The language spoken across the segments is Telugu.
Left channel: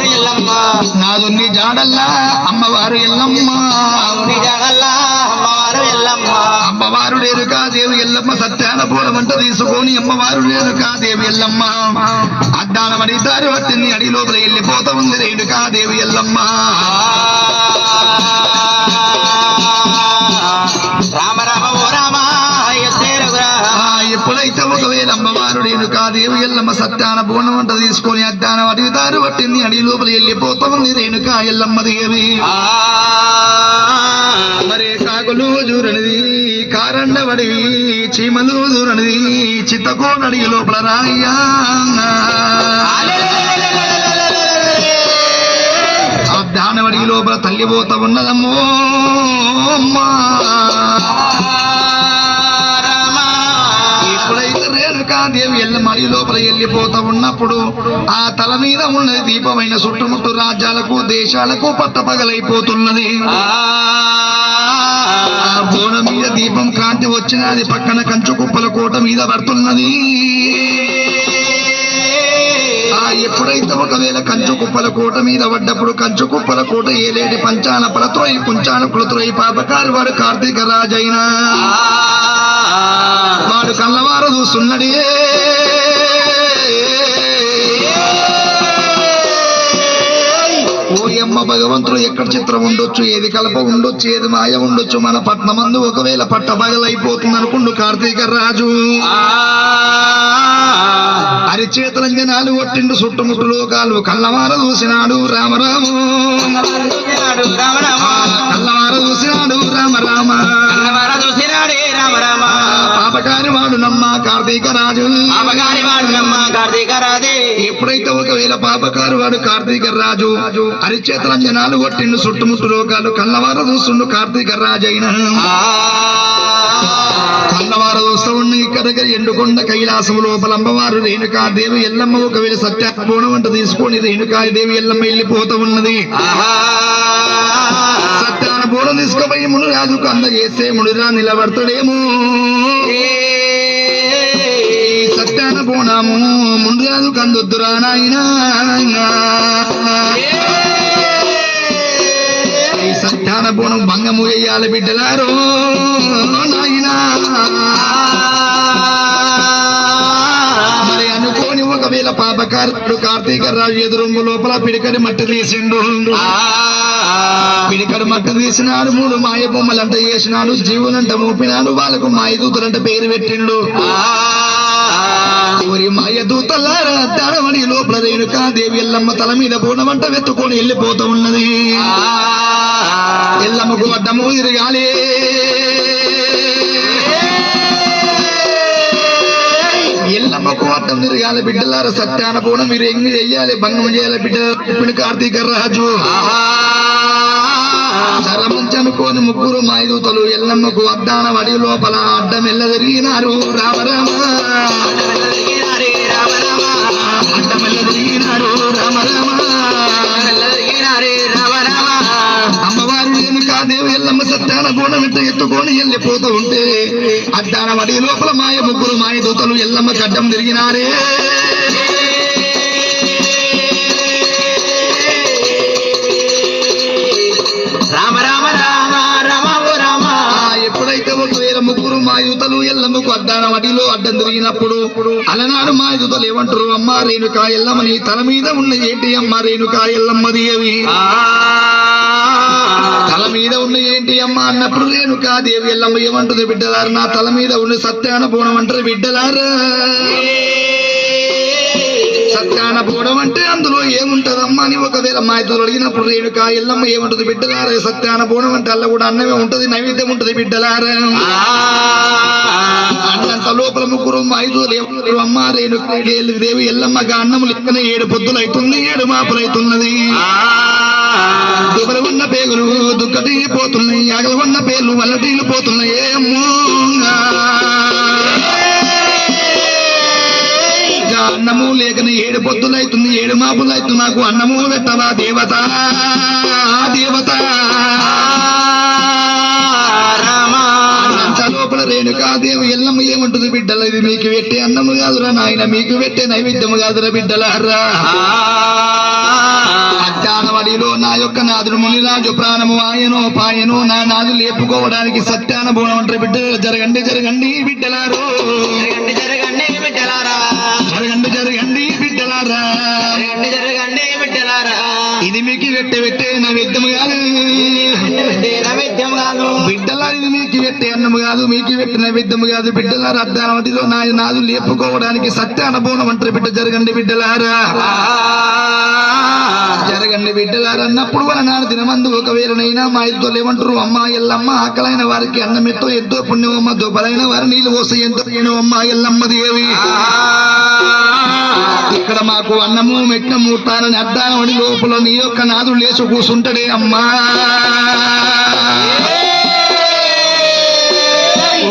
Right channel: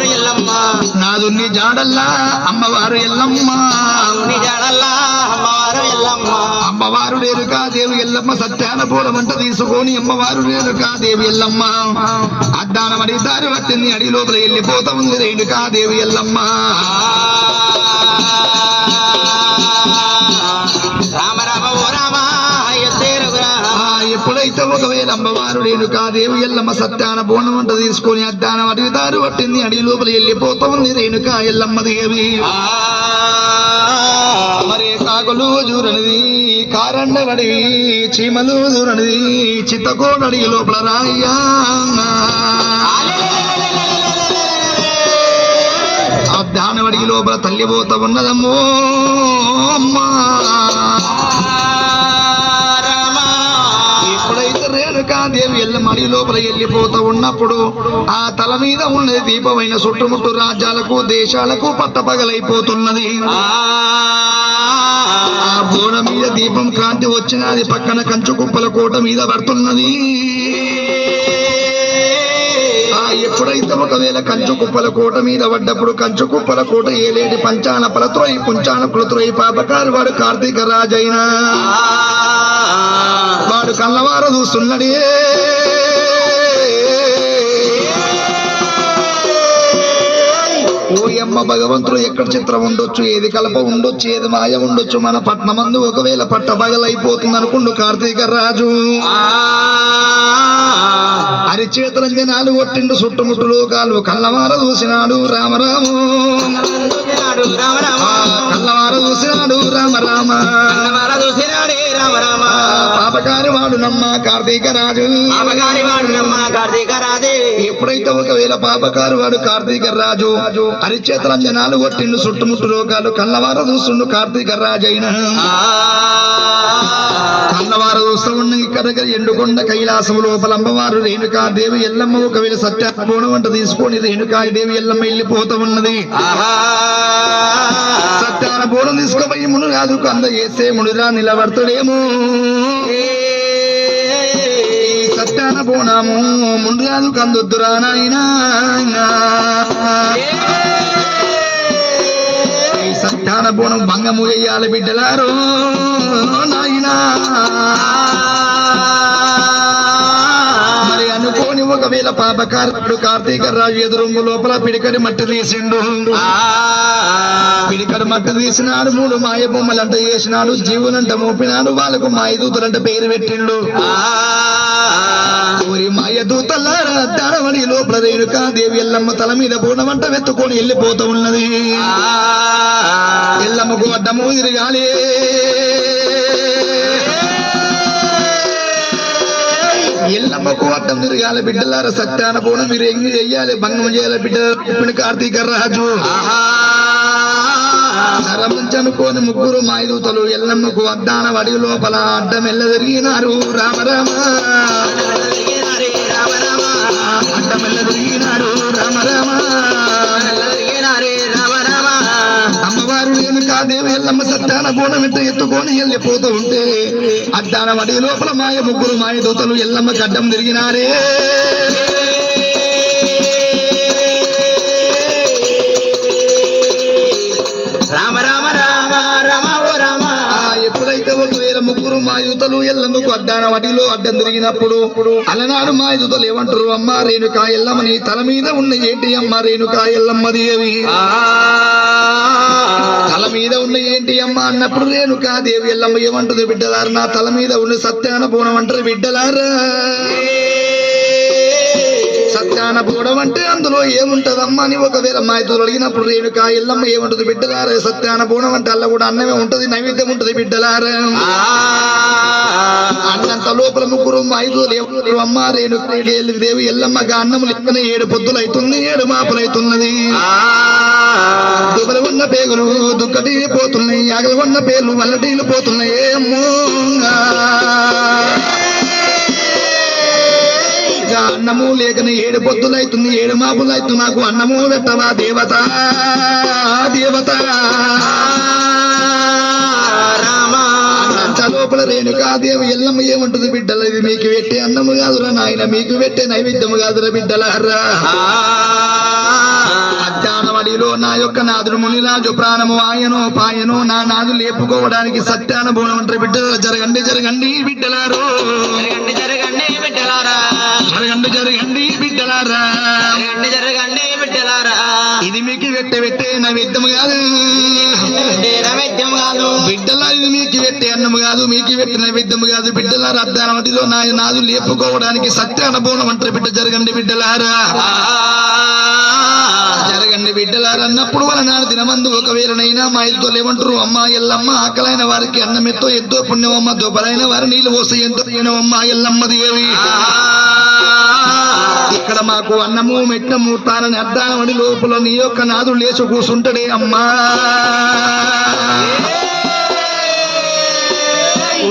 అమ్మవారు ఎల్లమ్మ నాదున్ని జాడల్లా అమ్మవారు ఎల్లమ్మ జాడల్లా అమ్మవారు ఎల్లమ్మ అమ్మవారు రేణుకాదేవి ఎల్లమ్మ సత్యాన పూలమంట తీసుకొని అమ్మవారు రేణుకాదేవి ఎల్లమ్మ అద్దానం అడిగితారు వచ్చింది అడి లోపల వెళ్ళిపోతా ఉంది రేణుకాదేవి ఎల్లమ్మ రామ రామ ఓ రామ ఎప్పుడైతే ఒకవేళ అమ్మవారు రేణుకాదేవి ఎల్లమ్మ సత్యాన పూలమంట తీసుకొని అద్దానం అడిగితారు పట్టింది అడి లోపల వెళ్ళిపోతా ఉంది రేణుకా ఎల్లమ్మ దేవి మరి కాకులు దూరనిది కారండవడి చీమలు దూరనిది చిత్తకోనడి లోపల రాయ్యా అబ్దానవడి లోపల తల్లిపోత ఉన్నదమ్మో అమ్మా ఎప్పుడైతే రేణుకాదేవి ఎల్లమడి లోపల వెళ్ళిపోతా ఉన్నప్పుడు ఆ తల మీద ఉన్నది దీపమైన చుట్టుముట్టు రాజ్యాలకు దేశాలకు పట్టపగలైపోతున్నది బోన మీద దీపం కాంతి వచ్చినది పక్కన కంచు కుప్పల కోట మీద పడుతున్నది ఎప్పుడైతే ఒకవేళ కంచు కుప్పల కోట మీద పడ్డప్పుడు కంచు కుప్పల కోట ఏలేటి పంచాన పలత్రోయి కుంచాన కులత్రోయి పాపకారు వాడు కార్తీక రాజైనా వాడు కళ్ళవార చూస్తున్నాడే ఓయమ్మ భగవంతుడు ఎక్కడ చిత్రం ఉండొచ్చు ఏది కలప ఉండొచ్చు ఏది మాయ ఉండొచ్చు మన పట్నమందు ఒకవేళ పట్టబగలైపోతుంది అనుకుండు కార్తీక రాజు అరిచేతలంజనాలు కొట్టిండు చుట్టుముట్టు లోకాలు కళ్ళవార చూసినాడు రామరాము కళ్ళవార చూసినాడు రామరామ పాపకారి వాడు నమ్మ కార్తీక రాజు ఎప్పుడైతే ఒకవేళ పాపకారు వాడు కార్తీక రాజు అరిచేతలంజనాలు కొట్టిండు చుట్టుముట్టు లోకాలు కళ్ళవార చూస్తుండు కార్తీక రాజు అయినా కళ్ళవార చూస్తూ ఉన్న ఇక్కడ ఎండుకొండ కైలాసం లోపల అమ్మవారు రేణుకాదేవి ఎల్లమ్మ ఒకవేళ సత్యపూర్ణ వంట తీసుకొని రేణుకాదేవి ఎల్లమ్మ వెళ్ళిపోతూ ఉన్నది సత్యాన పూర్ణం తీసుకుపోయి మునురాజు కంద చేసే మునిరా నిలబడతాడేమో సత్యాన పూర్ణము మునురాజు కందొద్దురా నాయనా సత్యాన పూర్ణం భంగము వేయాలి బిడ్డలారో నాయనా మరి అనుకోని ఒకవేళ పాపకారుడు కార్తీక రాజు ఎదురుంగు లోపల పిడికడి మట్టి తీసిండు పిడికడు మట్టి తీసినాడు 3 మాయ బొమ్మలంట చేసినాడు జీవులంట మోపినాడు వాళ్ళకు మాయదూతలంట పేరు పెట్టిండు మాయ దూతల్లారా దానవని లోపల రేణుకాదేవి ఎల్లమ్మ తల మీద బోనమంట వెత్తుకొని వెళ్ళిపోతూ ఉన్నది ఎల్లమ్మకు అడ్డము తిరగాలి ఎల్లమ్మకు అడ్డం తిరగాలి బిడ్డలారా సత్యాన పూర్ణం మీరు ఎంగి చెయ్యాలి భంగం చేయాలి బిడ్డ కార్తీక రాజు సరమంచనుకోని 3 మాయదూతలు ఎల్లమ్మకు అడ్డాన వడి లోపల అడ్డం ఎల్ల తిరిగినారు రామరామ అడ్డం ఎల్ల తిరిగినారు రామరామ అమ్మవారు రేణుకాదేవి ఎల్లమ్మ సత్యాన పూర్ణం ఎత్తుకొని వెళ్ళిపోతూ ఉంటే అడ్డాన వడి లోపల 3 మాయదూతలు ఎల్లమ్మకు అడ్డం తిరిగినారే ఒకవేళ 3 మాయదూతలు ఎల్లమ్మకు అడ్డాన వడిలో అడ్డం తిరిగినప్పుడు అలనాడు మాయదూతలు ఏమంటారు అమ్మ రేణుకా ఎల్లమ్మ నీ తల మీద ఉన్న ఏంటి అమ్మ రేణుకా ఎల్లమ్మది అవి తల మీద ఉన్న ఏంటి అమ్మ అన్నప్పుడు రేణుకాదేవి ఎల్లమ్మ ఏమంటుంది బిడ్డలారు నా తల మీద ఉన్న సత్యాన పూర్ణం అంటారు బిడ్డలారా సత్యాన పూర్ణం అంటే అందులో ఏముంటదమ్మా అని ఒకవేళ మాయదూతలు అడిగినప్పుడు రేణుకా ఎల్లమ్మ ఏముంటది బిడ్డలారా సత్యాన పూర్ణం అంటే అల్ల కూడా అన్నమే ఉంటది నైవేద్యం ఉంటది బిడ్డలారా అన్నంత లోపల 3 మాయదూతలు ఏమంటారు అమ్మ రేణుకాదేవి ఎల్లమ్మగా అన్నము లెక్కన 7 పొద్దులు అవుతుంది 7 మాపలు అవుతున్నది దుబ్బలు ఉన్న పేగులు దుక్కటి పోతున్నాయి అగలు ఉన్న పేర్లు వల్లటీలు పోతున్నాయి ఏమో అన్నము లేకని 7 పొద్దులు అవుతుంది 7 మాపులు అవుతుంది నాకు అన్నము పెట్టవా దేవత దేవత అంత లోపల రేణుకాదేవి ఎల్లమ్మ ఏమంటుంది బిడ్డలు ఇది మీకు పెట్టే అన్నము కాదురా నాయన మీకు పెట్టే నైవేద్యము కాదురా బిడ్డలారా అడిలో నా యొక్క నాదుడు మునిరాజు ప్రాణము ఆయనో పాయనో నా నాదు లేపుకోవడానికి సత్యాన బోనం అంటే బిడ్డలు జరగండి జరగండి బిడ్డలారో జరగండి జరగండి బిడ్డలారా జరగండి జరగండి బిడ్డలారా జరగండి జరగండి బిడ్డలారా ఇది మీకు పెట్టే నైవేద్యం కాదు నైవేద్యం కాదు బిడ్డలా ఇది మీకు పెట్టే అన్నము కాదు మీకు పెట్టి నైవేద్యం కాదు బిడ్డల రద్దానవటిలో నాదు లేపుకోవడానికి సత్యాన బోనం అంటే బిడ్డ జరగండి బిడ్డలారా జరగండి బిడ్డలారా అన్నప్పుడు నాడు దినమందు ఒకవేళనైనా మా ఇద్దరు ఏమంటారు అమ్మ ఎల్లమ్మ ఆకలైన వారికి అన్నం ఎంతో పుణ్యమమ్మ దొబ్బలైన వారి నీళ్ళు పోసి ఎంతో పుణ్యమమ్మ ఎల్లమ్మ దేవి ఇక్కడ మాకు అన్నము మెట్టము తానని అడ్డానమని లోపల నీ యొక్క నాదు లేచి కూసుంటాడే అమ్మా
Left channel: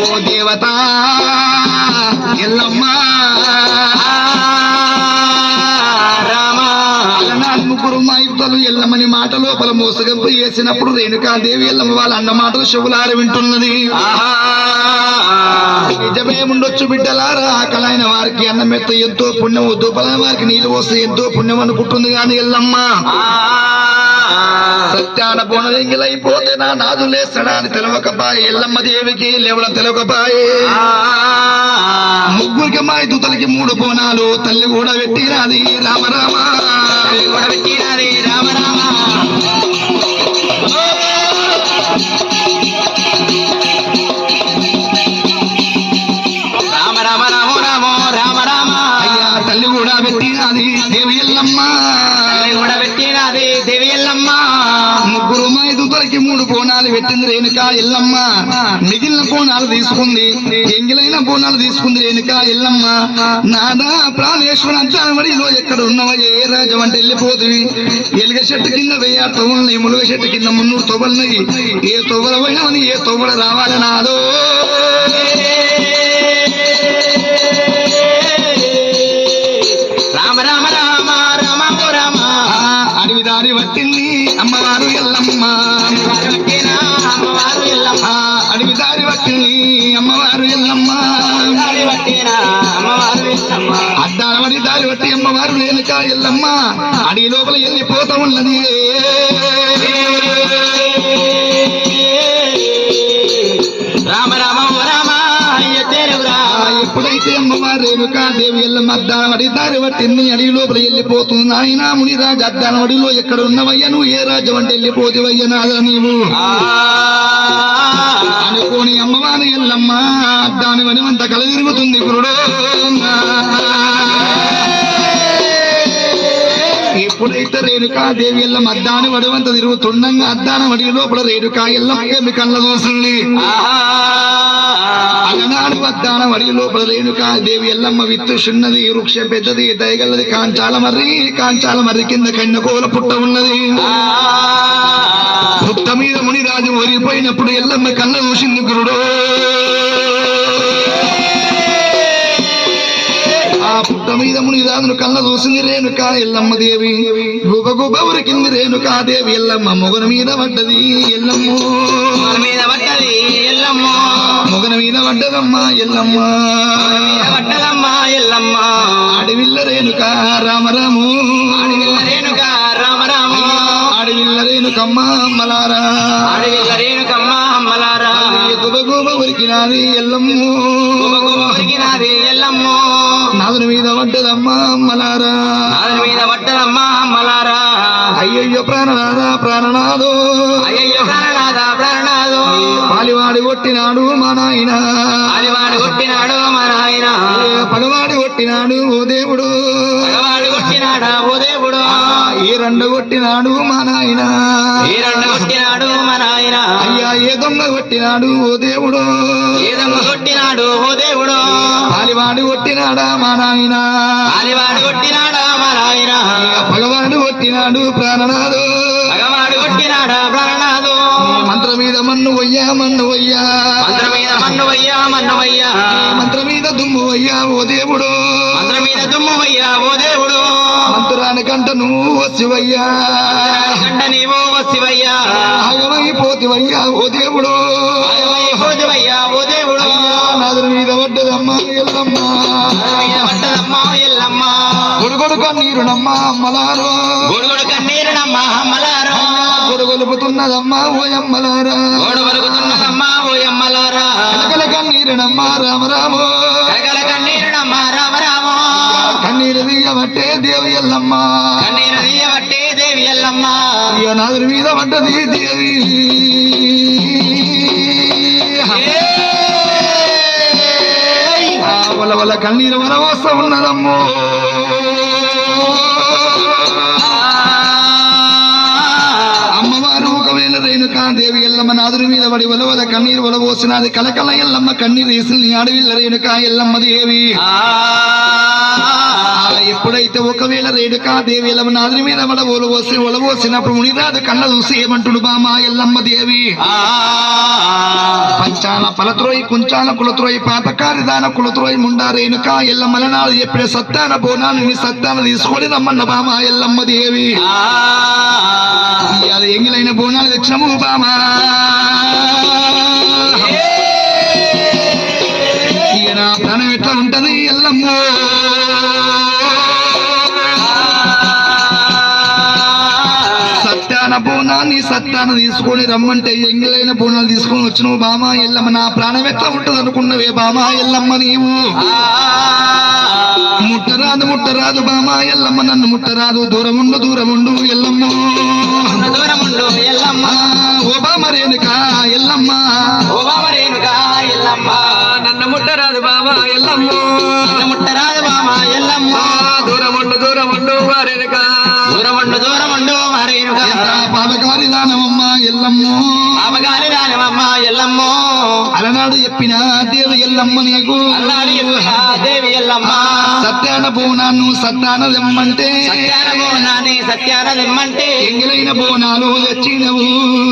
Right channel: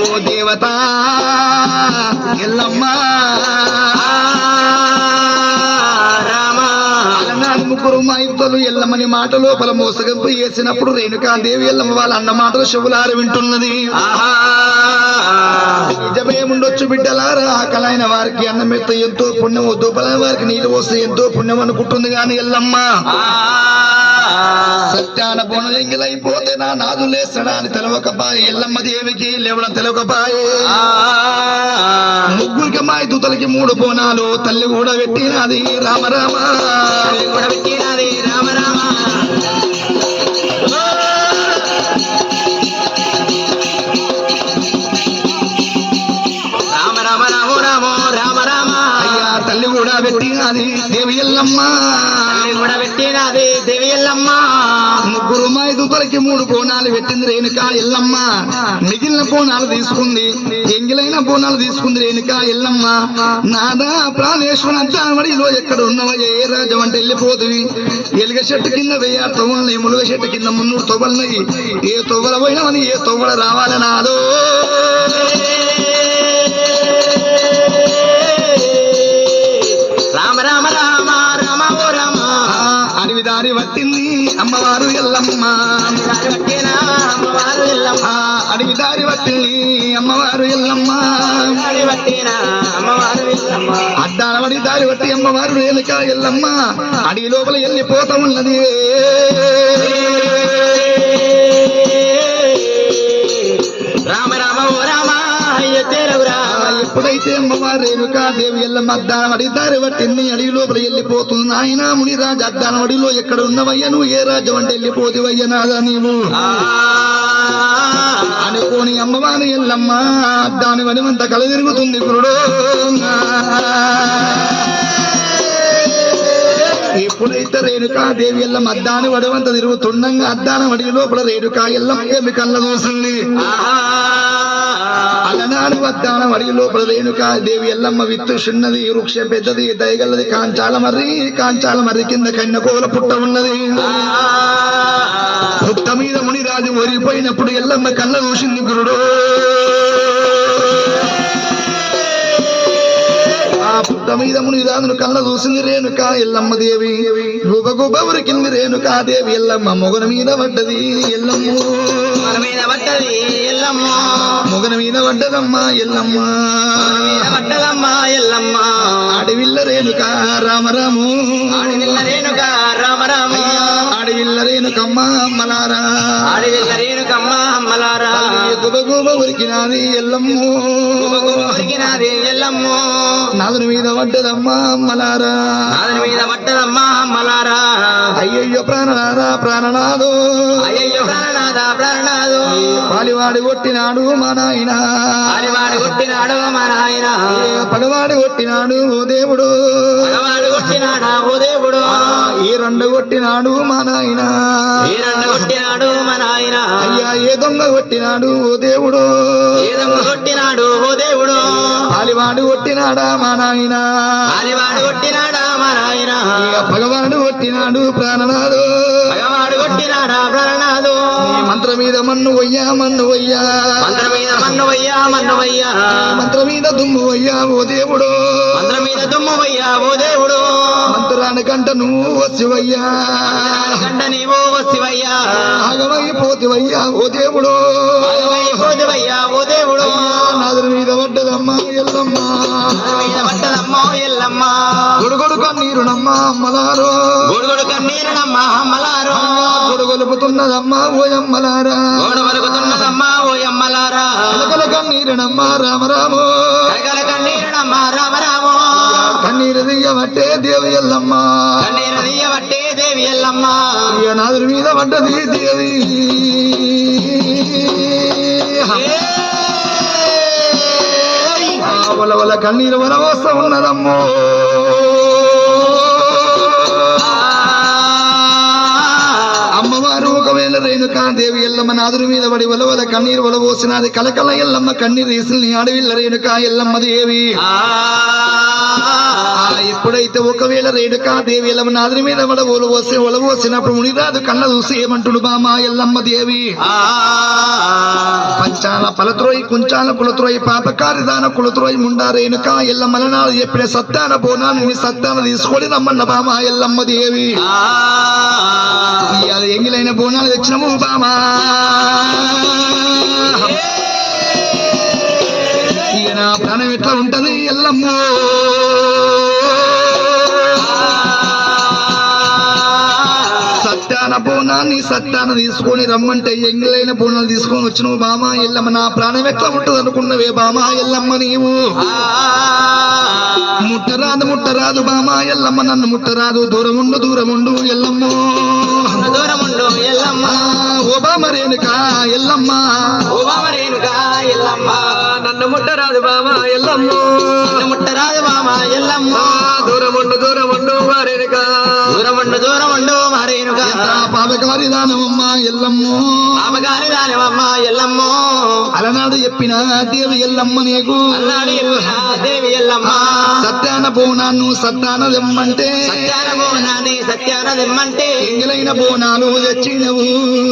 ఓ దేవత ఎల్లమ్మ ముగ్గురు మా ఇద్దరు ఎల్లమ్మని మాట లోపల మోసగంపు వేసినప్పుడు రేణుకాదేవి ఎల్లమ్మ వాళ్ళ అన్న మాటలు చెవులార వింటున్నది నిజమేముండొచ్చు బిడ్డలారా ఆకలైన వారికి అన్నం ఎత్త ఎంతో పుణ్యం దుబ్బలైన వారికి నీళ్ళు వస్తే ఎంతో పుణ్యం అనుకుంటుంది కానీ ఎల్లమ్మ సత్యాన బోనలింగిలైపోతే నా నాదు లేస్తాడా అని తెలవకపాయే ఎల్లమ్మ దేవికి లేవడం తెలవకపాయే ముగ్గురికి మా దూతలకి 3 బోనాలు తల్లి కూడా పెట్టినది రామ రామ తల్లి కూడా పెట్టినది రామ రామ తల్లి కూడా పెట్టినది దేవి ఎల్లమ్మ కూడా పెట్టినది దేవి ఎల్లమ్మ ముగ్గురు మా దూతలకి 3 బోనాలు పెట్టింది రేణుకా ఎల్లమ్మ మిగిలిన బోనాలు తీసుకుంది ఎంగిలైన బోనాలు తీసుకుంది రేణుకా ఎల్లమ్మ నాదా ప్రాణేశ్వర అంతానమడిలో ఎక్కడ ఉన్నవా ఏ రాజం అంటే వెళ్ళిపోతుంది ఎలుగ చెట్టు కింద 1000 తొవ్వలున్నాయి ములుగ చెట్టు కింద 300 తొవ్వలున్నాయి ఏ తొవ్వల పోయినామని ఏ తొవ్వల రావాలి నాదో అడవిదారి పట్టింది అమ్మవారు ఎల్లమ్మ అమ్మవారు ఎల్లమ్మ అడవిదారి పట్టింది అమ్మవారు ఎల్లమ్మ అమ్మవారు ఎల్లమ్మ అద్దానవడి దారి పట్టి అమ్మవారు రేణుకా ఎల్లమ్మ అడవి లోపల వెళ్ళిపోతామున్నది రామ రామ ఓ రామ ఎప్పుడైతే అమ్మవారు రేణుకా దేవి ఎల్లమ్మ అద్దానవడి దారి పట్టింది అడవి లోపల వెళ్ళిపోతుంది నాయన మునిరాజు అద్దానవడిలో ఎక్కడ ఉన్నవయ్య నువ్వు ఏ రాజ్యం అంటే వెళ్ళిపోతివయ్య నాదా నీవు అనుకోని అమ్మవారు ఎల్లమ్మ అద్దాని వడిమంత కల తిరుగుతుంది గురుడు ఎప్పుడైతే రేణుకా దేవి ఎల్లమ్మ అద్దాని వడవంత తిరుగుతుండగా అద్దాన వడి లోపల రేణుకా ఎల్లమ్మ కళ్ళ చూసింది అలనాడు అద్దాన వడి లోపల రేణుకా దేవి ఎల్లమ్మ విత్తు చిన్నది వృక్షం పెద్దది దయగల్లది కాంచాల మర్రి కింద కన్యకోల పుట్ట ఉన్నది పుట్ట మీద మునిరాజు ఓరిపోయినప్పుడు ఎల్లమ్మ కళ్ళ చూసింది గురుడు ఆ పుట్ట మీద మునిరాజును కళ్ళ చూసింది రేణుకా ఎల్లమ్మ దేవి గుబ గుబ ఉరికింది రేణుకా దేవి ఎల్లమ్మ మొగన మీద పడ్డది ఎల్లమ్మ మీద పడ్డది ఎల్లమ్మ మొగన మీద పడ్డదమ్మా ఎల్లమ్మ పడ్డదమ్మ ఎల్లమ్మ అడవిల్ల రేణుకా రామరాము అడవిల్ల రేణుక రామ రామ అడవిల్ల రేణుకమ్మ అమ్మలారా అడవిల్ల రేణుకమ్మ అమ్మలారా గుబ గుబ ఉరికినాది ఎల్లమ్మ ఉరికినాది ఎల్లమ్మ నాదుని మీద పడ్డదమ్మా అమ్మలారా నాదుని మీద పడ్డదమ్మ అమ్మలారా అయ్యయ్యో ప్రాణనాథో అయ్యయ్యో ప్రాణనాథో పాలివాడి కొట్టినాడు మా నాయన పాలివాడి కొట్టినాడు మా నాయన పగవాడి కొట్టినాడు ఓ దేవుడు పగవాడి కొట్టినాడా ఓ దేవుడు ఈ 2 కొట్టినాడు మా నాయన ఈ 2 కొట్టినాడు మా నాయన అయ్యా ఏ దొంగ కొట్టినాడు ఓ దేవుడు ఏ దొంగ కొట్టినాడు ఓ దేవుడు పాలివాడి కొట్టినాడా మా నాయన పాలివాడి కొట్టినాడా మా నాయన పగవాడు కొట్టినాడు ప్రాణనాథు పగవాడు కొట్టినాడా ప్రాణనాథు మంత్రం మీద మన్ను వయ్యా మంత్రం మీద మన్ను వయ్యా మంత్రం మీద దుమ్ము వయ్యా ఓ దేవుడు మంత్రం మీద దుమ్ము వయ్యా ఓ దేవుడు మంత్రానికంట నువ్వు వసివయ్యా కంట నీవో వసివయ్యా ఆగమైపోతివయ్యా ఓ దేవుడు ఆగమైపోతివయ్యా ఓ దేవుడు నాదుని మీద పడ్డదమ్మా ఎల్లమ్మ మీద పడ్డదమ్మా ఎల్లమ్మ గొడుగొడు కన్నీరు నమ్మ అమ్మలారో గొడుగుడు కన్నీరునమ్మ అమ్మలారో గొడుగొలుపుతున్నదమ్మా ఓయమ్మలారా గోడు వలుకుతున్నదమ్మ ఓయమ్మలారా కలకల కన్నీరునమ్మ రామరామో కగల కన్నీరునమ్మ రామరామో కన్నీరు దిగబట్టే దేవి ఎల్లమ్మ కన్నీరు తీయబట్టే దేవి ఎల్లమ్మ ఇక నాదుడి మీద పడ్డది దేవి వల కన్నీరు వరవస్త ఉన్నదమ్మో అమ్మవారు ఒకవేళ రేణుకాదేవి ఎల్లమ్మ నాదుడి మీద పడి వలవల కన్నీరు వలవోసినది కలకల ఎల్లమ్మ కన్నీరు వేసిన అడవిల్ల రేణుకా ఎల్లమ్మ దేవి ఎప్పుడైతే ఒకవేళ రేణుకాదేవి ఎల్లమ్మ నాదుడి మీద పడ ఒలవోసినప్పుడు మునిరాదు కళ్ళ చూసి ఏమంటుడు బామా ఎల్లమ్మ దేవి పంచాల పలత్రోయి కుంచాల కులత్రోయి పాతకారి దాన కులత్రోయి ముండా రేణుకా ఎల్లమ్మల నాడు చెప్పిన సత్తాన బోనాన్ని నీ సత్తాన తీసుకొని రమ్మన్న బామా ఎల్లమ్మ దేవి ఇవాళ ఎంగిలైన బోనాలు తెచ్చినము బామా ఇక నా ప్రాణం ఎట్లా ఉంటది ఎల్లమ్మ సత్యాన బోనాన్ని సత్యాన తీసుకొని రమ్మంటే ఎంగిలైన బోనాలు తీసుకొని వచ్చినావు బామా ఎల్లమ్మ నా ప్రాణం ఎట్లా ఉంటుంది అనుకున్నవే బామా ఎల్లమ్మ నీవు ముట్టరాదు బామా ఎల్లమ్మ నన్ను ముట్టరాదు దూరముండు ఎల్లమ్మ దూరముండు ఎల్లమ్మ ఓ బామ రేణుకా ఎల్లమ్మ ఓ బామ రేణుకా ఎల్లమ్మ నన్ను ముట్టరాదు బామా ఎల్లమ్మ నన్ను ముట్టరాదు బామ ఎల్లమ్మ దూరముండు రేణుకా దూరముండు మా రేణుకా పాపకారి దానమమ్మ ఎల్లమ్మ పాపగాని రానమమ్మ ఎల్లమ్మ అలనాడు చెప్పిన దేవి ఎల్లమ్మ నీకు అన్నాడు చెప్పిన దేవి ఎల్లమ్మ సత్యాన బోనాన్ని సత్యాన దెమ్మంటే సత్యాన బోనాన్ని సత్యాన దెమ్మంటే ఎంగిలైన బోనాలు తెచ్చినవు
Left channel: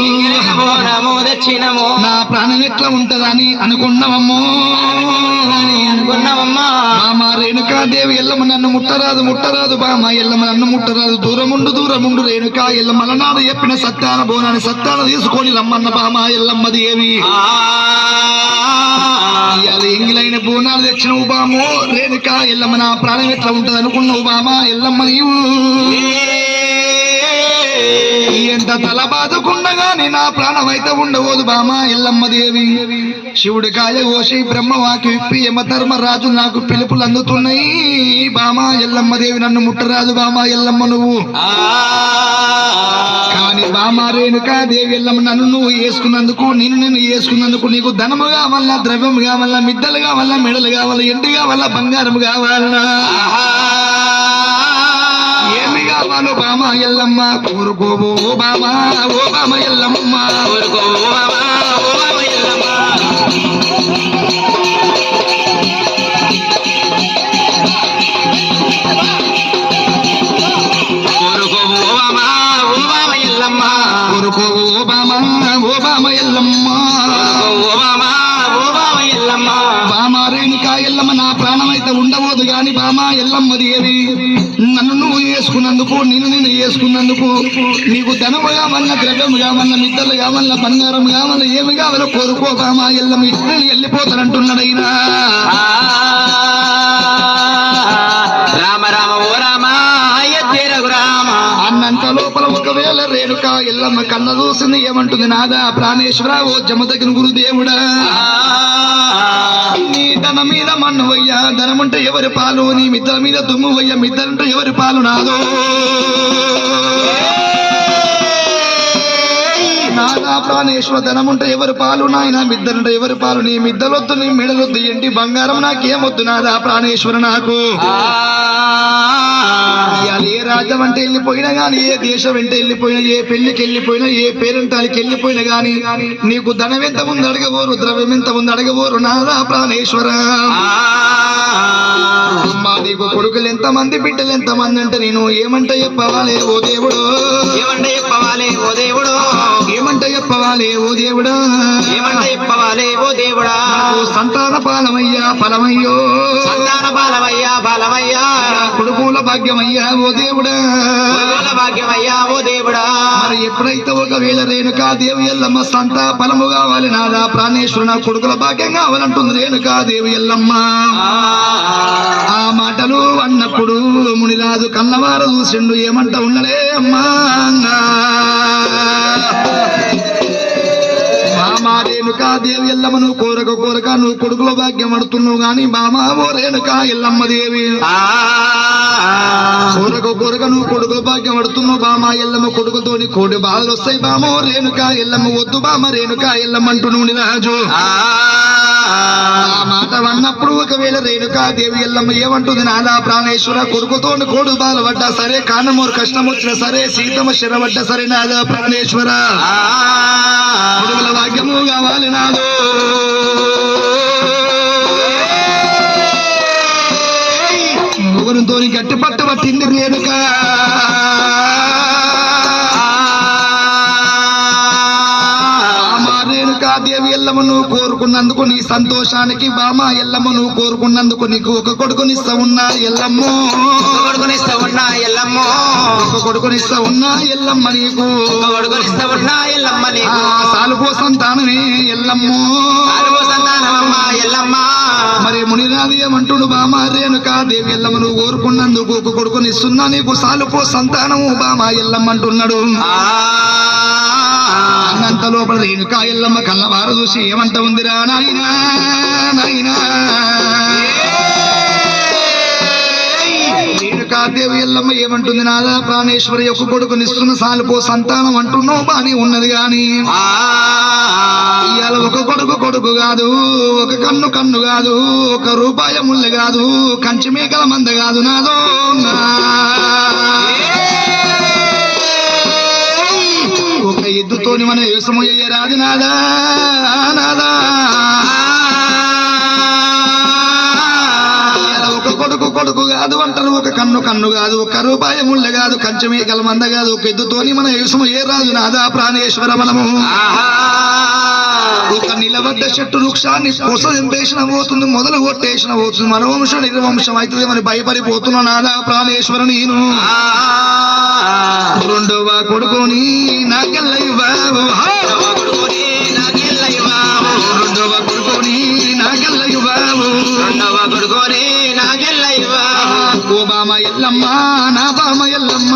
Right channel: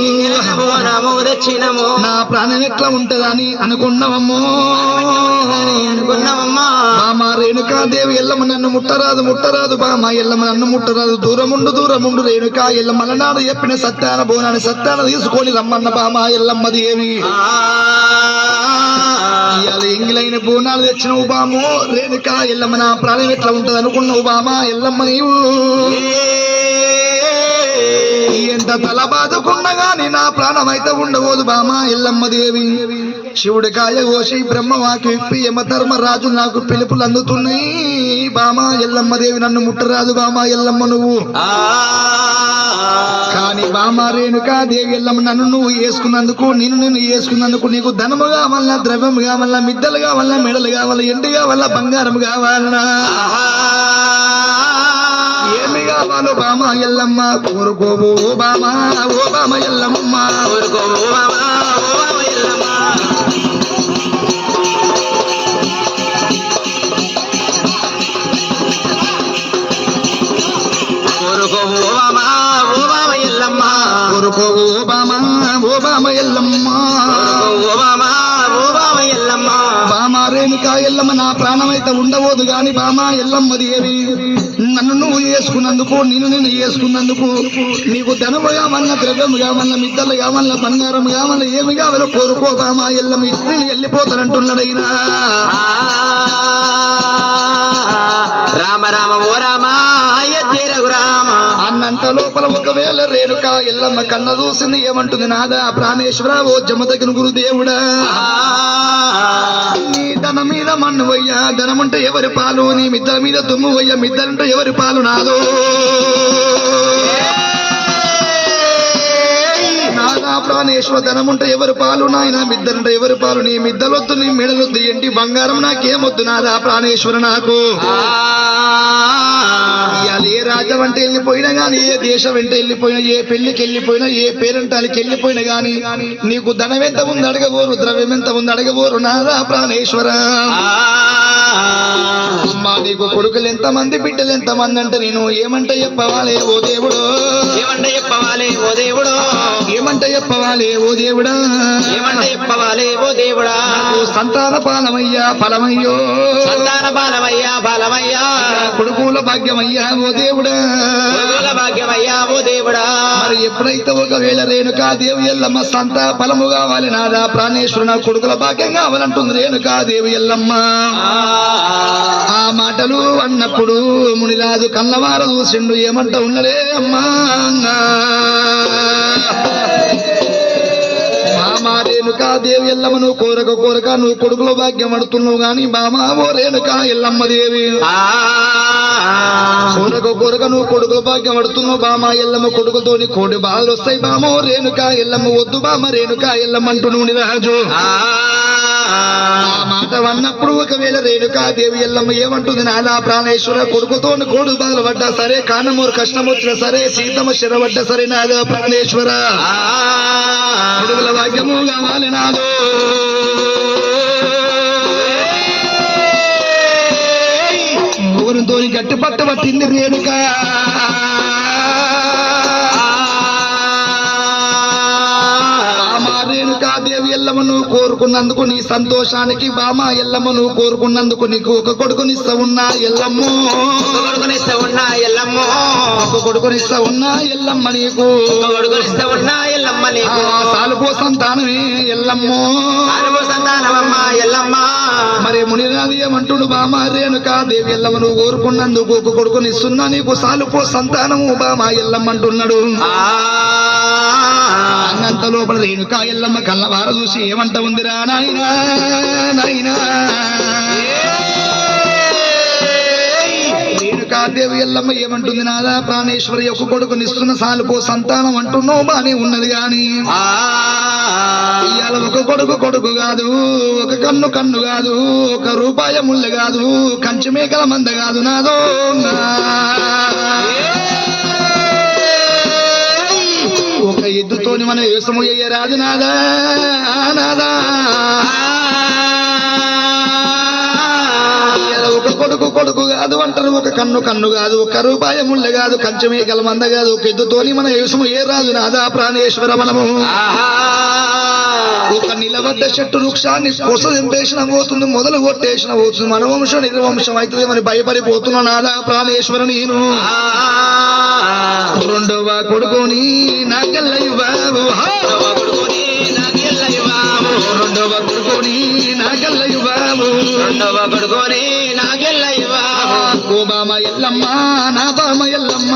ఎంగిలైన బోనము తెచ్చినము నా ప్రాణం ఎట్లా ఉంటదని అనుకున్నావమ్మో అనుకున్నామమ్మా బామ రేణుకాదేవి ఎల్లమ్మ నన్ను ముట్టరాదు బామ ఎల్లమ్మ నన్ను ముట్టరాదు దూరముండు రేణుకా ఎల్లమ్మ అలనాడు చెప్పిన సత్యాన బోనాన్ని సత్యాన తీసుకొని రమ్మన్న బామ ఎల్లమ్మ దేవి అది ఎంగిలైన బోనాలు తెచ్చినవు బామో రేణుకా ఎల్లమ్మ నా ప్రాణం ఎట్లా ఉంటది అనుకున్నావు బామ ఎల్లమ్మ నీవు ఎంత తల బాదుకున్నా గాని నా ప్రాణం అయితే ఉండవోదు బామ ఎల్లమ్మ దేవి శివుడి కాయ కోసి బ్రహ్మవాకి విప్పి యమధర్మరాజు నాకు పిలుపులు అందుతున్నాయి బామ ఎల్లమ్మ దేవి నన్ను ముట్టరాదు బామ ఎల్లమ్మ నువ్వు కానీ బామ రేణుకా దేవి ఎల్లమ్మ నన్ను నువ్వు వేసుకున్నందుకు నిన్ను వేసుకున్నందుకు నీకు ధనము కావాలన్నా ద్రవ్యము కావాలన్నా మిద్దలు కావాలన్నా మెడలు కావాలా ఎండి కావాలా బంగారం కావాలన్నా ఏమి కావాలో బామ ఎల్లమ్మ కోరుకోవు ఓ బామ ఎల్లమ్మ కోరుకోవు బామ ఎల్లమ్మ కోరుకోవు బామ ఎల్లమ్మ కోరుకోవు ఓ బామ ఎల్లమ్మ ఎల్లమ్మ బామ రేణుకా ఎల్లమ్మ నా ప్రాణం అయితే ఉండబోదు గాని బామ ఎల్లమ్మ దేవి నన్ను నువ్వు వేసుకున్నందుకు నేను వేసుకున్నందుకు నీకు ధనము కావాలన్నా ద్రవ్యము కావాలన్నా మిద్దలు కావాలన్నా బంగారం కావాలన్నా ఏమి కావాలో కోరుకో బామ ఎల్లమ్మ ఇద్దరు వెళ్ళిపోతానంటున్నాడైనా రామ రామ ఓ రామ అయ్యే రఘురామ అన్నంత లోపల ఒకవేళ రేణుకా ఎల్లమ్మ కన్న చూసింది ఏమంటుంది నాదా ప్రాణేశ్వర ఓ జమదగిన గురుదేవుడా నీ ధన మీద మన్నువయ్యా ధనముంటే ఎవరి పాలు నీ మిద్ద మీద దుమ్మువయ్యా మిద్దలుంటే ఎవరి పాలు నాదో నాదా ప్రాణేశ్వర ధనముంటే ఎవరి పాలు నాయన మిద్దలుంటే ఎవరి పాలు నీ మిద్దలొద్దు నీ మెడలొద్దు ఏంటి బంగారం నాకేమొద్దు నాదా ప్రాణేశ్వర నాకు ఏ రాజ్యం అంటే వెళ్ళిపోయినా గానీ ఏ దేశం వెంట వెళ్ళిపోయినా ఏ పెళ్లికి వెళ్ళిపోయినా ఏ పేరెంటాలకి వెళ్ళిపోయినా గానీ నీకు ధనం ఎంత ఉంది అడగబోరు ద్రవ్యం ఎంత ఉంది అడగబోరు నాదా ప్రాణేశ్వర అమ్మా నీకు కొడుకులు ఎంతమంది బిడ్డలు ఎంతమంది అంటే నేను ఏమంటే చెప్పవాలి ఓ దేవుడు ఏమంటే చెప్పవాలి ఓ దేవుడు ఏమంటే చెప్పవాలి ఓ దేవుడా ఏమంటే ఇప్పవాలే ఓ దేవుడా ఓ సంతాన పాలమయ్యా ఫలమయ్యో సంతాన బాలమయ్యా బాలమయ్యా కొడుకుల భాగ్యమయ్యా ఓ దేవుడా కొడుకుల భాగ్యమయ్యా ఓ దేవుడా మరి ఎప్పుడైతే ఒకవేళ రేణుకా దేవి ఎల్లమ్మ సంత ఫలము కావాలి నాదా ప్రాణేశ్వరు నా కొడుకుల భాగ్యం కావాలంటుంది రేణుకా దేవి ఎల్లమ్మ ఆ మాటలు అన్నప్పుడు మునిరాజు కన్నవార చూసిండు ఏమంట ఉన్నడే అమ్మా బామా రేణుకా దేవి ఎల్లమ్మ నువ్వు కోరక కోరక నువ్వు కొడుకుల భాగ్యం పడుతున్నావు గాని బామా ఓ రేణుకా ఎల్లమ్మ దేవి కోరక కోరక నువ్వు కొడుకుల భాగ్యం పడుతున్నావు బామా ఎల్లమ్మ కొడుకుతోని కోటి బాధలు వస్తాయి బామో రేణుకా ఎల్లమ్మ వద్దు బామ రేణుకా ఎల్లమ్మ అంటున్నావు రాజు ఆ మాట అన్నప్పుడు ఒకవేళ రేణుకా దేవి ఎల్లమ్మ ఏమంటుంది నాదా ప్రాణేశ్వర కొడుకుతో కోడు బాధలు పడ్డా సరే కానమూరు కష్టం వచ్చినా సరే సీతమ్మ శరబడ్డా సరే నాదా ప్రాణేశ్వర కొడుకుల భాగ్యము కావాలి నాదో ముగ్గురితో గట్టి పట్ట పట్టింది రేణుక రేణుకా దేవి ఎల్లమ్మను కోరుకున్నందుకు నీ సంతోషానికి బామా ఎల్లమ్మను కోరుకున్నందుకు నీకు ఒక కొడుకునిస్తా ఉన్నా ఎల్లమ్మో కొడుకునిస్తా ఉన్నా ఎల్లమ్మో ఒక కొడుకునిస్తా ఉన్నా ఎల్లమ్మ నీకు కొడుకునిస్తా ఉన్నా ఎల్లమ్మ నీకు సాలుపో సంతానమే ఎల్లమ్మో సాలుపో సంతానమమ్మ ఎల్లమ్మ మరి మునిరాజు ఏమంటుడు బామా రేణుకా దేవి ఎల్లమ్మను కోరుకున్నందుకు ఒక కొడుకునిస్తున్నా నీకు సాలుపో సంతానము బామా ఎల్లమ్మ అంటున్నాడు అన్నంత లోపల రేణుకా ఎల్లమ్మ కళ్ళవార చూసి ఏమంట ఉందిరా నాయనా నాయనా రేణుకా దేవి ఎల్లమ్మ ఏమంటుంది నాదా ప్రాణేశ్వరి యొక్క కొడుకునిస్తున్న సాలుపో సంతానం అంటున్నావు బానే ఉన్నది గాని ఇవాళ ఒక కొడుకు కాదు ఒక కన్ను కాదు ఒక రూపాయ ముళ్ళు కాదు కంచి మేకల మంద కాదు నాదో ఒక ఎద్దుతోని మన వ్యవసము రాదు నాదా నాదా ఒక కొడుకు కాదు అంటారు ఒక కన్ను కాదు ఒక రూపాయ ముళ్ళ కాదు కంచె మేకల మంద కాదు ఒక ఎద్దుతోని మన వ్యవసము రాదు నాదా ప్రాణేశ్వర మనము ఒక నిలబడ్డ చెట్టు వృక్షాన్ని కొస ఎంపేసిన పోతుంది మొదలు కొట్టేసిన పోతుంది మన వంశం నిర్వంశం అవుతుంది మరి భయపడిపోతున్నా నాదా ప్రాణేశ్వర నేను రెండవ కొడుకుని నాకెళ్ళయ్య బాబు రెండవ కొడుకుని నాకెళ్ళయ్య బాబు ఓ బామ ఎల్లమ్మ నా బామ ఎల్లమ్మ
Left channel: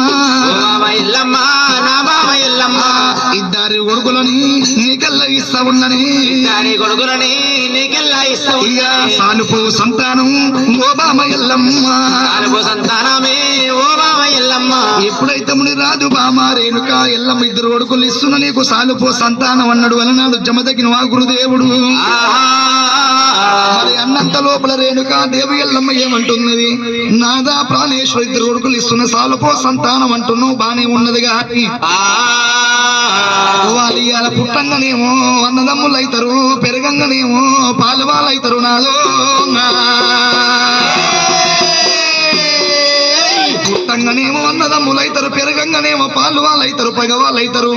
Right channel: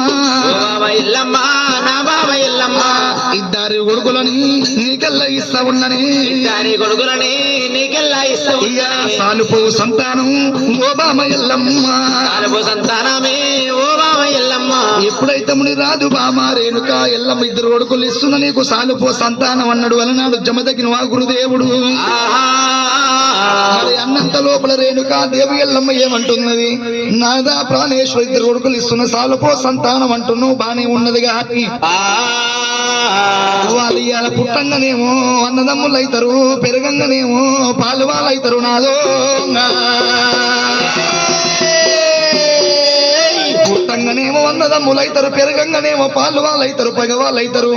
ఇద్దరు కొడుకులని నీకెల్లా ఇస్తా ఉన్నని సాలుపు సంతానం ఓ బామ ఎల్లమ్మ సంతానమే ఓ బామ ఎల్లమ్మ ఎప్పుడైతే ముని రాదు బామ రేణుకా ఎల్లమ్మ ఇద్దరు కొడుకులు ఇస్తున్న నీకు సాలుపో సంతానం అన్నాడు అలనాడు జమదగిన వా గురుదేవుడు మరి అన్నంత లోపల రేణుకా దేవి ఎల్లమ్మ ఏమంటున్నది నాదా ప్రాణేశ్వరి ఇద్దరు కొడుకులు ఇస్తున్న సాలుపో సంతానం అంటున్నావు బానే ఉన్నది కానీ వాళ్ళు ఇవాళ పుట్టంగానేమో అన్నదమ్ములు అవుతారు పెరగంగానేమో పాలు వాళ్ళు అవుతారు నాదో పుట్టంగానేమో అన్నదమ్ములు అవుతారు పెరగంగానేమో పాలు వాళ్ళు అవుతారు పగ వాళ్ళు అవుతారు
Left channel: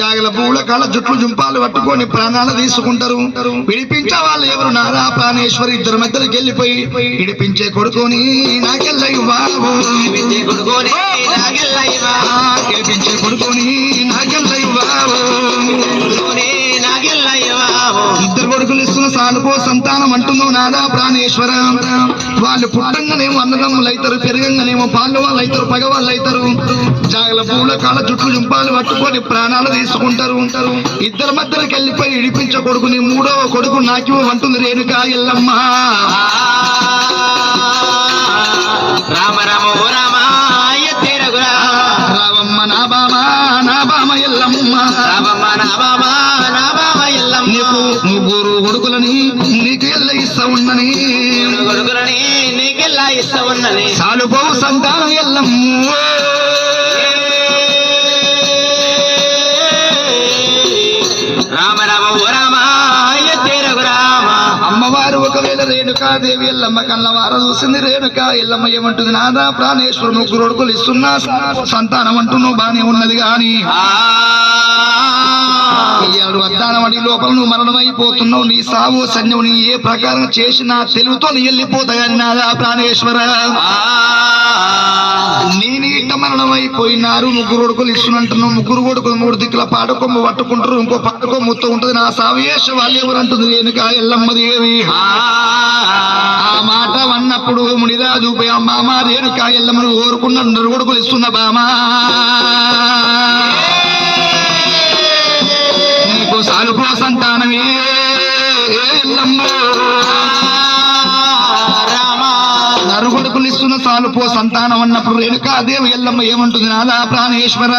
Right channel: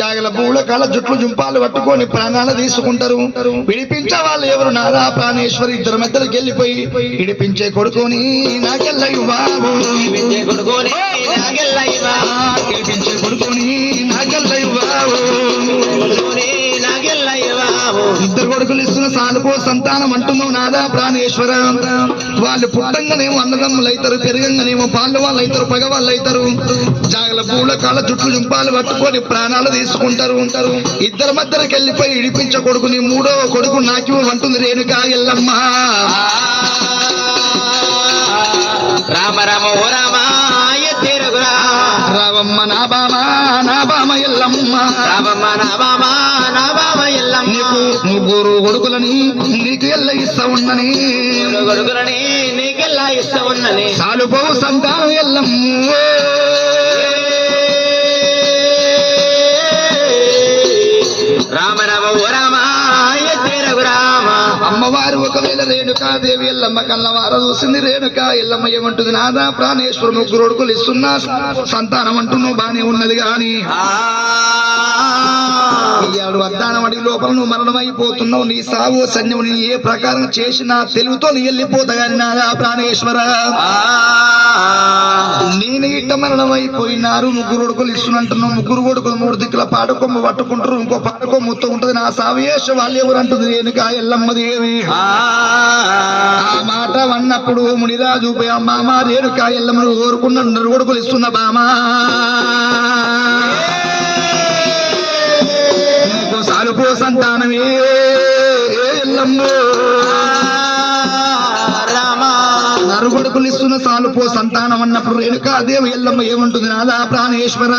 జాగల పూల కాళ్ళ జుట్లు జుంపాలు పట్టుకొని ప్రాణాలు తీసుకుంటారు విడిపించే వాళ్ళు ఎవరు నాదా ప్రాణేశ్వరి ఇద్దరు మధ్యలోకి వెళ్ళిపోయి విడిపించే కొడుకుని నాకెళ్ళయ్య బాబు విడిపించే కొడుకుని విడిపించే కొడుకుని నాకెళ్ళయ్య బాబు ఇద్దరు కొడుకులు ఇస్తున్న సాలుపో సంతానం అంటున్నావు నాదా ప్రాణేశ్వర వాళ్ళు పుట్టంగానేమో అన్నదమ్ములు అవుతారు పెరగంగానేమో పాలు వాళ్ళు అవుతారు పగ వాళ్ళు అవుతారు జాగల పూల కాళ్ళ జుట్లు జుంపాలు పట్టుకొని ప్రాణాలు తీసుకుంటారు ఇద్దరు మధ్యలోకి వెళ్ళిపోయి ఇడిపించే కొడుకుని మూడవ కొడుకు నాకు అంటుంది రేణుకా ఎల్లమ్మ రామ రామ ఓ రామ రావమ్మ నా బామ ఎల్లమ్మ రామమ్మ నా బామ ఎల్లమ్మ నీకు ముగ్గురు కొడుకులని నీకు ఎల్ల ఇస్తా ఉన్నని కొడుకులని నీకెల్లా ఇస్తా ఉన్నది సాలుపో సంతానం ఎల్లమ్మ రామ రామ ఓ రామ రామ అమ్మవారు ఒకవేళ రేణుకా దేవి ఎల్లమ్మ కన్నవార చూసింది రేణుకా ఎల్లమ్మ ఏమంటుంది నాదా ప్రాణేశ్వరు ముగ్గురు కొడుకులు ఇస్తున్నా సంతానం అంటున్నావు బానే ఉన్నది గాని ఇయాడు అద్దానం అడి లోపల నువ్వు మరణమైపోతున్నావు. నీ సావు సన్యం నీ ఏ ప్రకారం చేసినా తెలుగుతో నీ వెళ్ళిపోతా కానీ నాదా ప్రాణేశ్వర నేను ఇట్ట మరణమైపోయినారు. ముగ్గురు కొడుకులు ఇస్తున్నట్టున్నావు. ముగ్గురు కొడుకులు మూడు దిక్కుల పాడకొమ్మ పట్టుకుంటారు. ఇంకో పాడకొమ్మతో ఉంటది. నా సావేశ వాళ్ళు ఎవరంటుంది రేణుకా ఎల్లమ్మ దేవి. ఆ మాట అన్నప్పుడు మునిరాజు మామ రేణుకా ఎల్లమ్మను కోరుకున్న నరు కొడుకులు ఇస్తున్న బామా నీకు సాలుపో సంతానమే ఎల్లమ్మ నరుగుడుకులు ఇస్తున్న సాలుపో సంతానం అన్నప్పుడు రేణుకాదేవి ఎల్లమ్మ ఏమంటుంది నాదా ప్రాణేశ్వర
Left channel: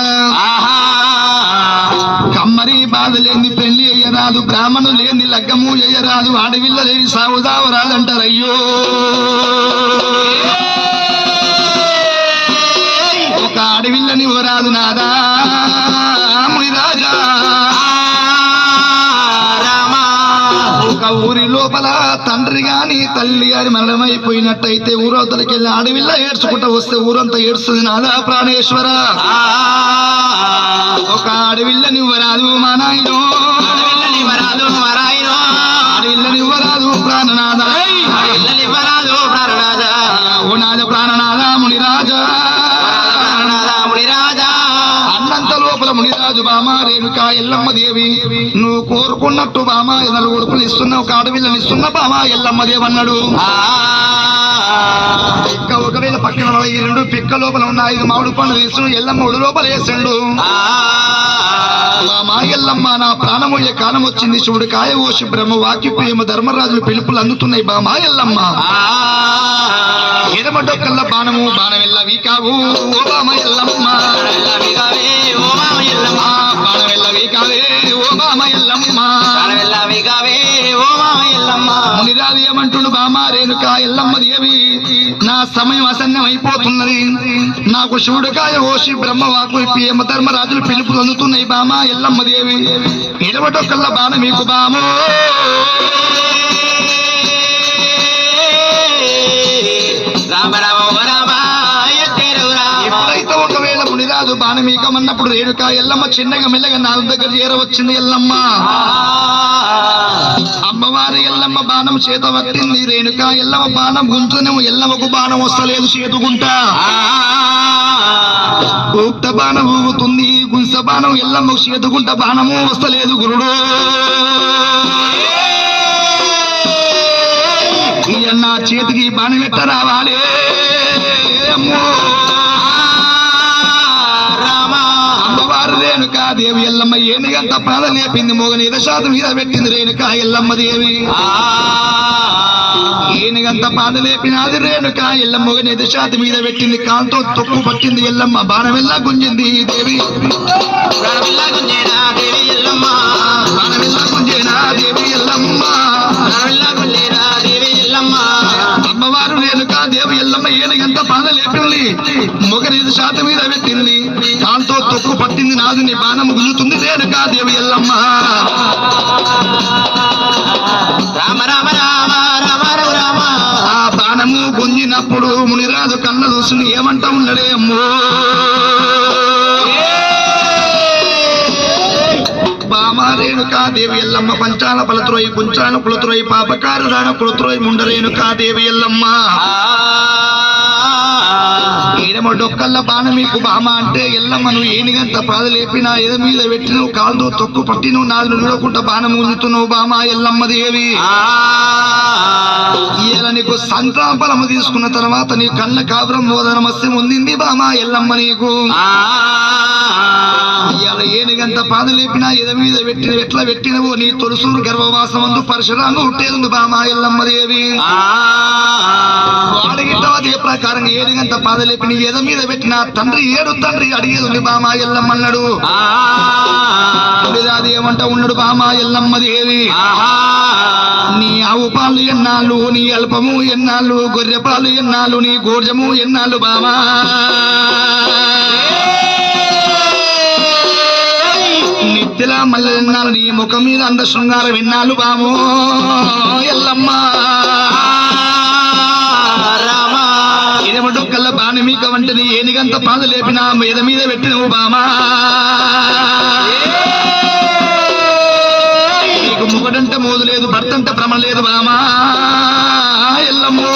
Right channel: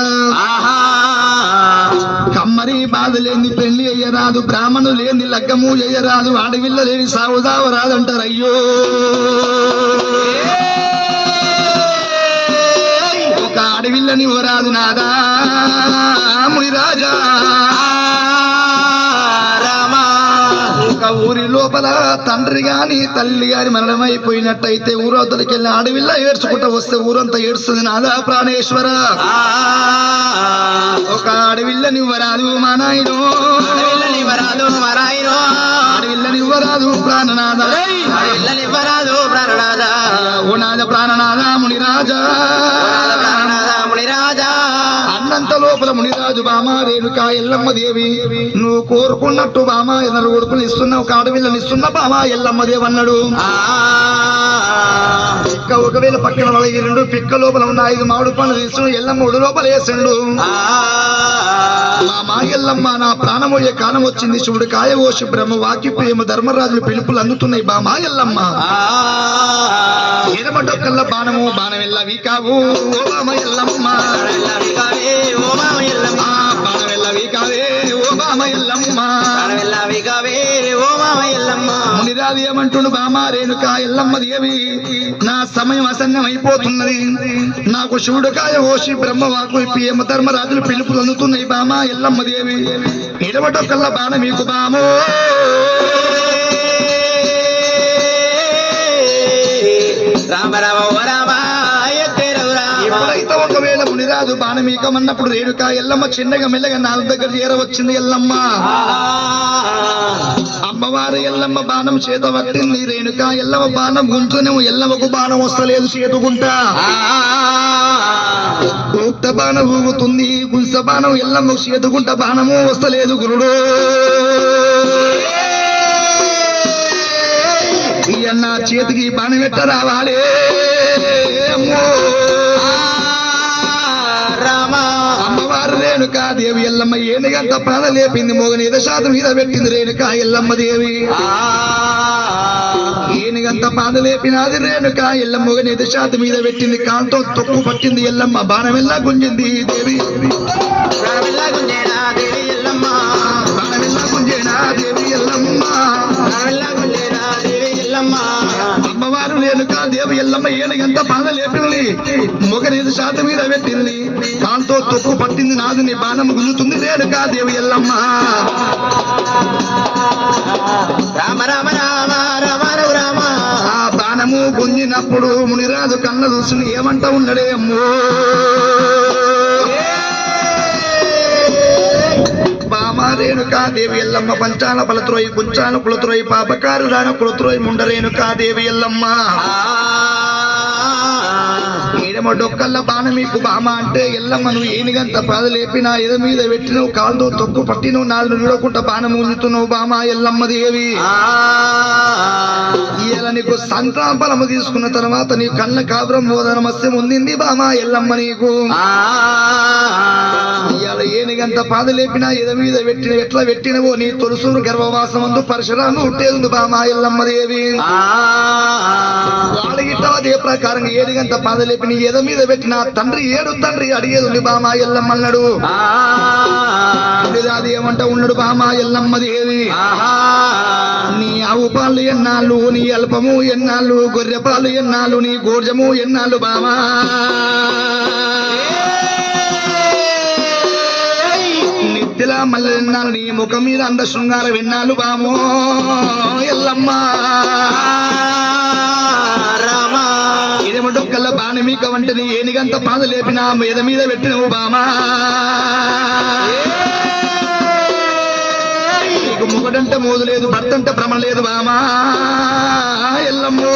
కమ్మరి బాధ లేని పెళ్లి అయ్యరాదు, బ్రాహ్మణు లేని లగ్గము అయ్యరాదు, ఆడవిల్ల లేని సావుదావరాదంటారు. అయ్యో ఒక ఆడవిల్లని ఓరాదు నాదా మునిరాజా. ఒక ఊరి లోపల తండ్రి గాని తల్లి గాని మరణమైపోయినట్టయితే ఊరవతలకి వెళ్ళి ఆడవిల్ల ఏడ్చుకుంటూ వస్తే ఊరంతా ఏడుస్తుంది నాదా ప్రాణేశ్వర. ఒక ఆడవిల్లని ఇవ్వరాదు మా నాయనో, ఆడవిల్లని ఇవ్వరాదు ప్రాణనాథ, ఓ నాద ప్రాణనాథ మునిరాజా. అన్నంత లోపల మునిరాజు బామా రేణుకా ఎల్లమ్మ దేవి నువ్వు కోరుకున్నట్టు బామా ఎన్నలు కొడుకులు ఇస్తున్నా, ఒక ఆడవిల్లని ఇస్తున్న బామా ఎల్లమ్మ దేవి అన్నాడు. పిక్క ఒకవేళ పక్కన రెండు పిక్క లోపల ఉన్న 5 మామిడి పండ్లు తీసుకుని ఎల్లమ్మ ఒడి లోపల వేసిండు. మా ఎల్లమ్మ నా ప్రాణమయ్యే కాలం వచ్చింది. శివుడు కాయ ఓషి బ్రహ్మ వాకి ప్రేమ ధర్మరాజులు పిలుపులు అందుతున్నాయి బామా ఎల్లమ్మ. ఎడమడొక్కల్ల బాణము బాణం ఎల్ల వీకావు ఓ బామ ఎల్లమ్మ, బాణం ఎల్ల వీకావే ఓ బామ ఎల్లమ్మ. మునిరాజు ఏమంటుండు బామా రేణుకా ఎల్లమ్మ దేవి నా సమయం అసన్యం అయిపోతున్నది. నాకు శివుడు కాయ ఓషి బ్రహ్మ వాకు ప్రేమ ధర్మరాజులు పిలుపులు అందుతున్నాయి బామా ఎల్లమ్మ దేవి. ఎడమటొక్కల్ల బాణ మీకు బామో ఎప్పుడైతే ఒకవేళ మునిరాజు బాణమీకమన్నప్పుడు రేణుకా ఎల్లమ్మ చిన్నగా మెల్లగా నాలుగు దగ్గర చేరవచ్చింది. ఎల్లమ్మ అమ్మవారి ఎల్లమ్మ బాణం చేత పట్టింది. రేణుకా ఎల్లమ్మ బాణం గుంటునే ఎల్లమ్మకు బాణం వస్తలేదు చేతుకుంటా. ఉక్త బాణం ఊగుతుంది, గుంస బాణం ఎల్లమ్మ చేతుకుంటా బాణము వస్తలేదు గురుడు. ఈయన్న చేతికి బాణం ఎట్ట రావాలి అమ్మవారు రేణుకా దేవి ఎల్లమ్మ ఏనుగంత ప్రాణ లేపింది. మోగని ఎదశాతం మీద పెట్టింది రేణుకా ఎల్లమ్మ దేవి. ఏనుగంత పాద లేపినది రేణుకా ఎల్లమ్మ మోగని ఎదశాతం మీద పెట్టింది. కాంతో తొక్కు పట్టింది ఎల్లమ్మ. బాణమెల్లా గుంజింది దేవి, బాణమెల్లా గుంజేనా దేవి ఎల్లమ్మ. అమ్మవారు రేణుకా దేవి ఎల్లమ్మ ఏనుగంత పాద లేపింది. మొగనేది శాతం మీద పెట్టింది. దాంతో తొక్కు పట్టింది నాదుని బాణం గుంజుతుంది రేణుకా దేవి ఎల్లమ్మ. రామ రామ రామ రామ రామ. ఆ బాణము గుంజినప్పుడు మునిరాజు కన్న చూసుని ఏమంటా ఉన్నాడే అమ్మో రేణుకా దేవి ఎల్లమ్మ. పంచాల పలత్రోయి కుంచాల కులత్రోయి పాపకారు రాణ కులత్రోయి ముండ రేణుకా దేవి ఎల్లమ్మ. డొక్కల్ల బాణ మీకు బామ అంటే ఎల్లమ్మ నువ్వు ఏనిగంత పాద లేపి నా ఎద మీద పెట్టి నువ్వు కాలుతో తొక్కు పట్టి నువ్వు నాలుగు నిలవకుండా బాణం ఉంచుతున్నావు బామ ఎల్లమ్మ దేవి. ఇలా నీకు సంతాన ఫలము తీసుకున్న తర్వాత నీ కళ్ళ కాపురం మోదనమస్యం ఉండింది బామ ఎల్లమ్మ నీకు. ఇవాళ ఏనుగంత పాద లేపినా ఎద మీద పెట్టిన ఎట్లా పెట్టినవో నీ తొలుసూరు గర్భవాసం అందు పరశురాము ఉట్టేది బామ ఎల్లమ్మ దేవి. వాడిగిట్లా అదే ప్రకారం ఏనుగంత పాద లేపిన ఎద మీద పెట్టిన తండ్రి ఏడు తండ్రి అడిగేది ఉంది బామ ఎల్లమ్మ అన్నాడు. అది ఏమంటా ఉన్నాడు బామ ఎల్లమ్మ దేవి. నీ ఆవు పాలు ఎన్నాళ్ళు, నీ అల్పము ఎన్నాళ్ళు, గొర్రె పాలు ఎన్నాళ్ళు, నీ గోర్జము ఎన్నాళ్ళు బామా. నిత్యలా మల్ల ఎన్నాళ్ళు, నీ ముఖం మీద అంద శృంగారం ఎన్నాళ్ళు బామో ఎల్లమ్మ. ఇదేమంటూ కల్లా బాణి మీక వంటి నీ ఏనిగంత పాద లేపిన మీద మీద పెట్టినవు బామా. మొగడంటే మోదు లేదు భర్తంటే భ్రమ లేదు బామా ఎల్లమ్మో